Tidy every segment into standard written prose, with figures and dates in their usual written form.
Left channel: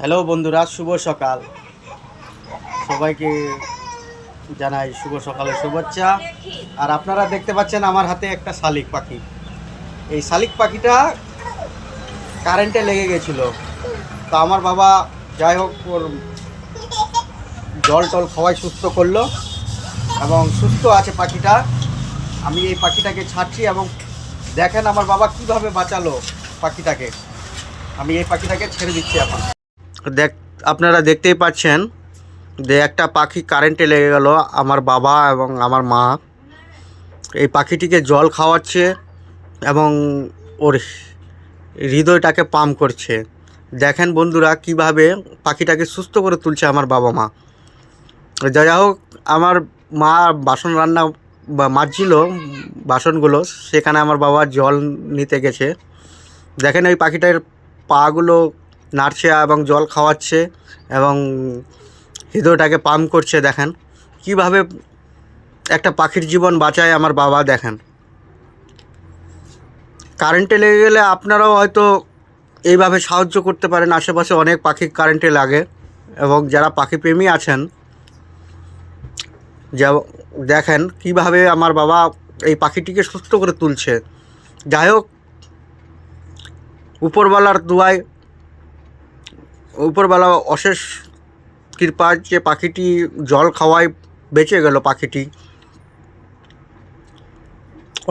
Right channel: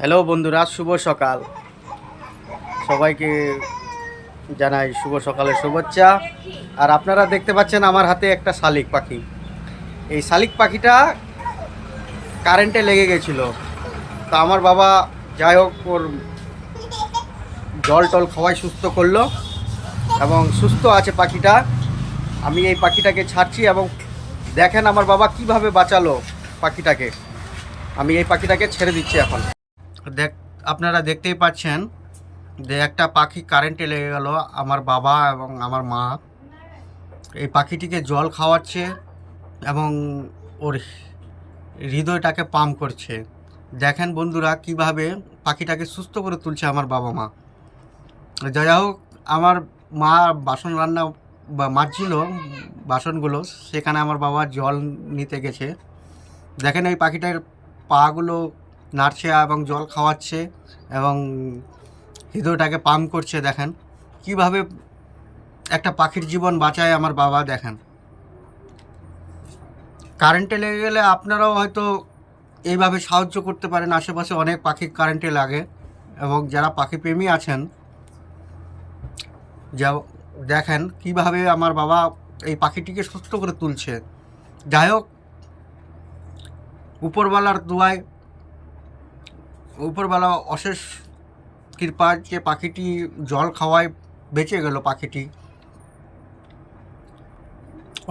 Hello বন্ধুরা, শুভ সকাল। সবাইকে জানাই শুভ সকালের শুভেচ্ছা। আর আপনারা দেখতে পাচ্ছেন আমার হাতে একটা শালিক পাখি। এই শালিক পাখিটা কারেন্টে লেগে গেছিলো। তো আমার বাবা যাই হোক ওর জল টল খাওয়াই সুস্থ করলো এবং সুস্থ আছে পাখিটা। আমি এই পাখিটাকে ছাড়ছি এবং দেখেন আমার বাবা কিভাবে বাঁচালো পাখিটাকে। আমি এই পাখিটাকে ছেড়ে দিচ্ছি এখন। আপনারা দেখতেই পাচ্ছেন যে একটা পাখি কারেন্টে লেগে গেল। আমার বাবা এবং আমার মা এই পাখিটিকে জল খাওয়াচ্ছে এবং ওর হৃদয়টাকে পাম্প করছে। দেখেন বন্ধুরা কিভাবে পাখিটাকে সুস্থ করে তুলছে আমার বাবা মা। যাই হোক, আমার মা বাসন রান্না বা মাজছিল বাসনগুলো, সেখানে আমার বাবা জল নিতে গেছে। দেখেন ওই পাখিটার পাগুলো নাড়ছে এবং জল খাওয়াচ্ছে এবং হৃদয়টাকে পাম্প করছে। দেখেন কিভাবে একটা পাখির জীবন বাঁচায় আমার বাবা। দেখেন কারেন্টে লেগে গেলে আপনারাও হয়তো এইভাবে সাহায্য করতে পারেন। আশেপাশে অনেক পাখি কারেন্টে লাগে এবং যারা পাখিপ্রেমী আছেন, যা দেখেন কিভাবে আমার বাবা এই পাখিটিকে সুস্থ করে তুলছে। যাই হোক, উপরওয়ালার দোয়ায়, উপরওয়ালা অশেষ কৃপা যে পাখিটি জল খাওয়ায় বেঁচে গেল। পাখিটি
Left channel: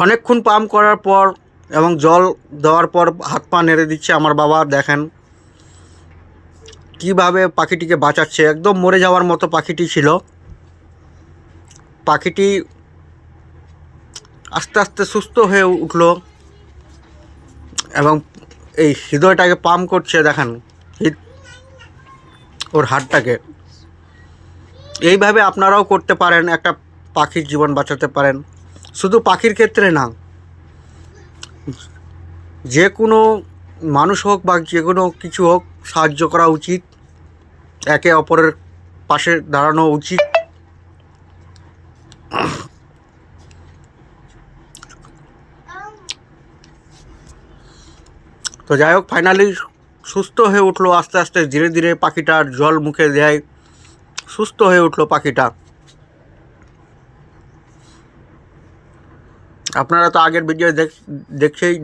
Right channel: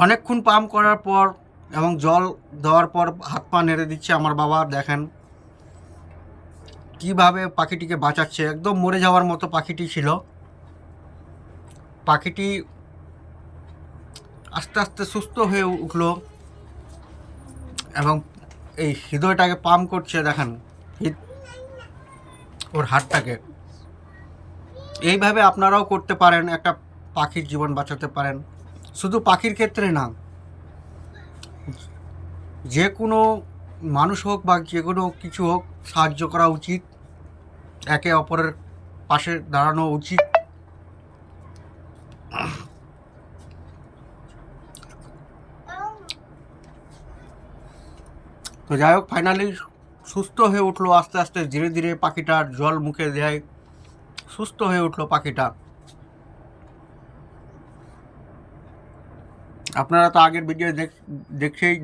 অনেকক্ষণ পাম্প করার পর এবং জল দেওয়ার পর হাত পা নেড়ে দিচ্ছে আমার বাবা। দেখেন কিভাবে পাখিটিকে বাঁচাচ্ছে। একদম মরে যাওয়ার মতো পাখিটি ছিল। পাখিটি আস্তে আস্তে সুস্থ হয়ে উঠলো এবং এই হৃদয়টাকে পাম্প করছে। দেখেন ওর হাতটাকে। এইভাবে আপনারাও করতে পারেন, একটা পাখির জীবন বাঁচাতে পারেন। শুধু পাখির ক্ষেত্রে না, যে কোনো মানুষ হোক বা যে কোনো কিছু হোক, সাহায্য করা উচিত, একে অপরের পাশে দাঁড়ানো উচিত। তো যাই হোক, ফাইনালি সুস্থ হয়ে উঠলো আস্তে আস্তে, ধীরে ধীরে পাখিটার জল মুখে দেয়, সুস্থ হয়ে উঠলো পাখিটা। আপনারা তো আগের ভিডিও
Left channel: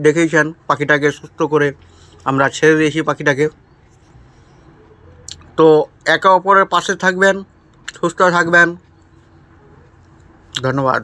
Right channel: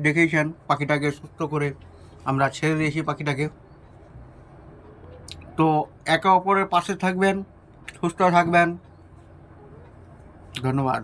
দেখেইছেন পাখিটাকে সুস্থ করে আমরা ছেড়ে দিয়েছি পাখিটাকে। তো একে অপরের পাশে থাকবেন, সুস্থ থাকবেন। ধন্যবাদ।